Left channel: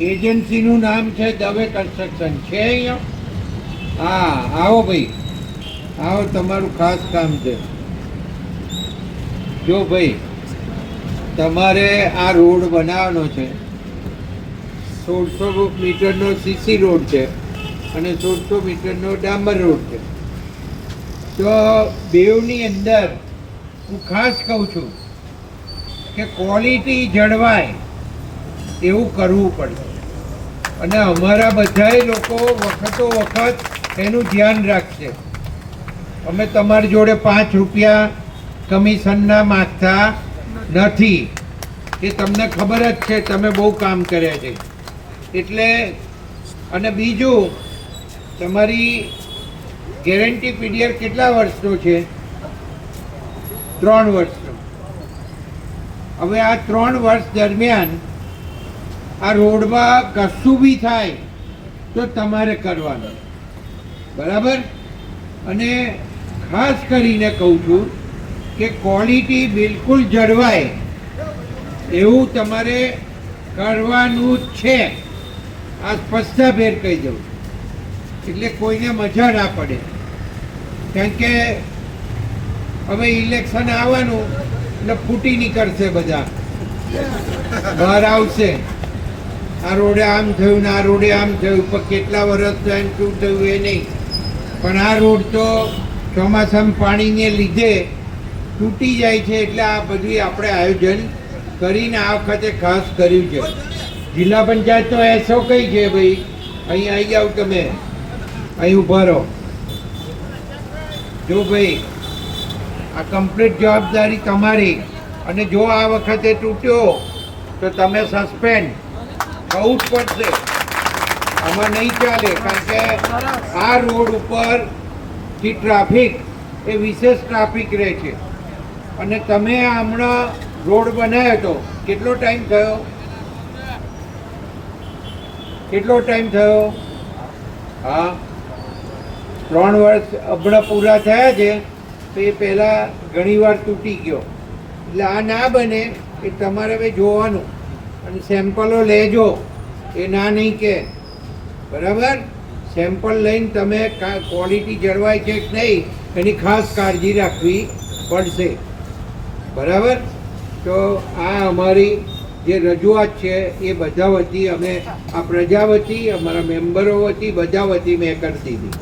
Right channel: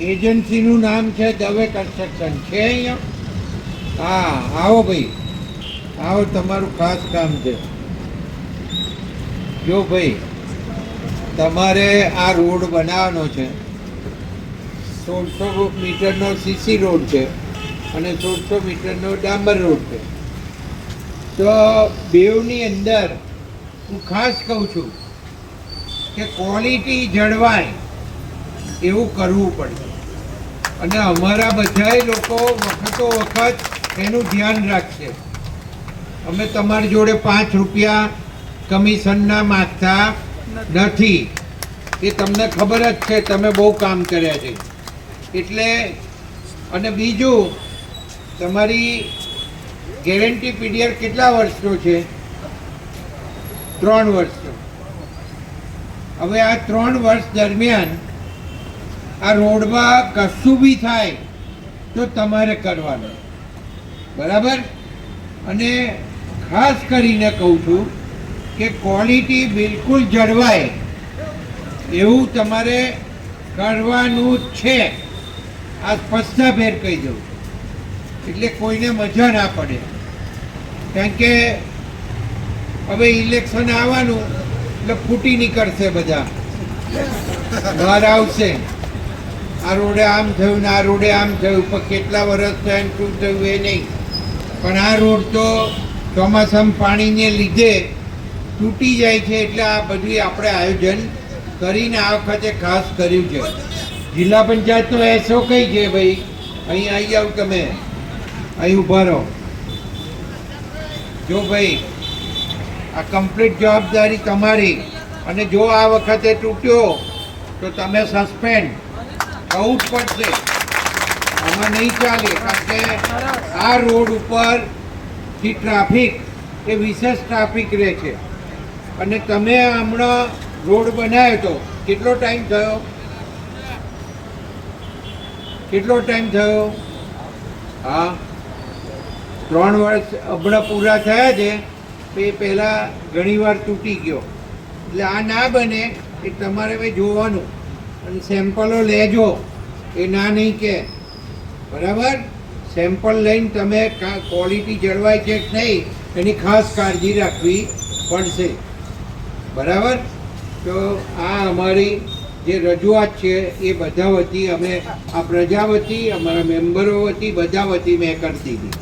એજન્સીનું નામ છે દવે કન્સ્ટ્રક્શન છે અહીંયા? હા, આવો ભાઈ, આવો, તમારું ખાસ કામ છે. જો ભાઈ, તમારે આ રોડ બનાવવાનો છે. 1600 મીટરનો સીસી રોડ છે અને 1600 મીટરનો ડાંબર રોડ છે. તો બેવની અંદર હું ખાસ કહું છું કે ક્વોલિટી જળવાય એવું કરવું પડે. અને અમારા બધાય લોકો વખતો વખત એનું ધ્યાન રાખશે. અમે તમારી જોડે 5 રૂપિયા કમિશનના માગતા નથી. એ તમને ખબર જ છે, તમે બહુ કામ કર્યા છે એટલે. અને બીજું, તમારી ગેરંટી પીરિયડ કેટલા વર્ષનો છે? 3 વર્ષનો. હવે આ 3 વર્ષ દરમિયાન આ રોડમાં કશું બી થાય તો તમારે કરવાનું, બરાબર? અને ખાસ કરીને કહું છું કે ક્વોલિટી બિલકુલ જળવાય એવું તમારે કરવાનું જ છે. આ સ્પષ્ટભેર કહી દઉં એટલે કોઈને મજા ના પડે. કારણ કે હવે ઇલેક્શન આવવાનું એટલે ફૂટી નીકળશે, બધા બહાર આવશે. આ રોડે આમ થયું ને આ રોડે આમ થયું, પણ કેટલા વર્ષ થયા શું થયું એ નહીં. પણ આ રોડ તો ચોમાસામાં પાણીને લીધે તૂટી જાય છે. એટલે આ બધું આપણે આયોજન કરીને આ વખતે ખાસ કર્યું છે. જિલ્લા પંચાયતનો એસો કઈ છે ભાઈ? અહીં આવી જાવ તમે, અહીં ઊભા રહો. જો ભાઈ, આ કમ્પ્લીટ જવાબદારી તમારી. અને જો આ વખતે તૂટ્યો તો તમે સસ્પેન્ડ થવું જ પડશે. આમાં નહીં ચાલે. કારણ કે આ રોડ ઉપરથી ટ્રાફિક એ વિશેષ ટ્રાફિક રહે છે. અને તમે હમણાં રોડ બનાવ્યો હતો, કેટલો ટાઈમ થયો? કેટલો ટાઈમ થયો? હા, 3 વર્ષ હમણાં પૂરા થયા છે. તો એ પહેલાં ઘણીવાર તૂટી ગયો. એટલે આ ના બને એ તમારે હવે જોવાનું. અને સેમ્પલો લેજો, એ ના નહીં કે, બરાબર? સેમ્પલ લઈને તમે ક્વોલિટી જળવાય છે કે નહીં એની ખાસ કાળજી રાખવી પડશે, બરાબર? તો આ અમારી જે રજૂઆત છે એ બધા વતી, અમે આ પ્રજા વતી, અમારા મેમ્બરો વતી, બધા વતી મેં કરતી હતી.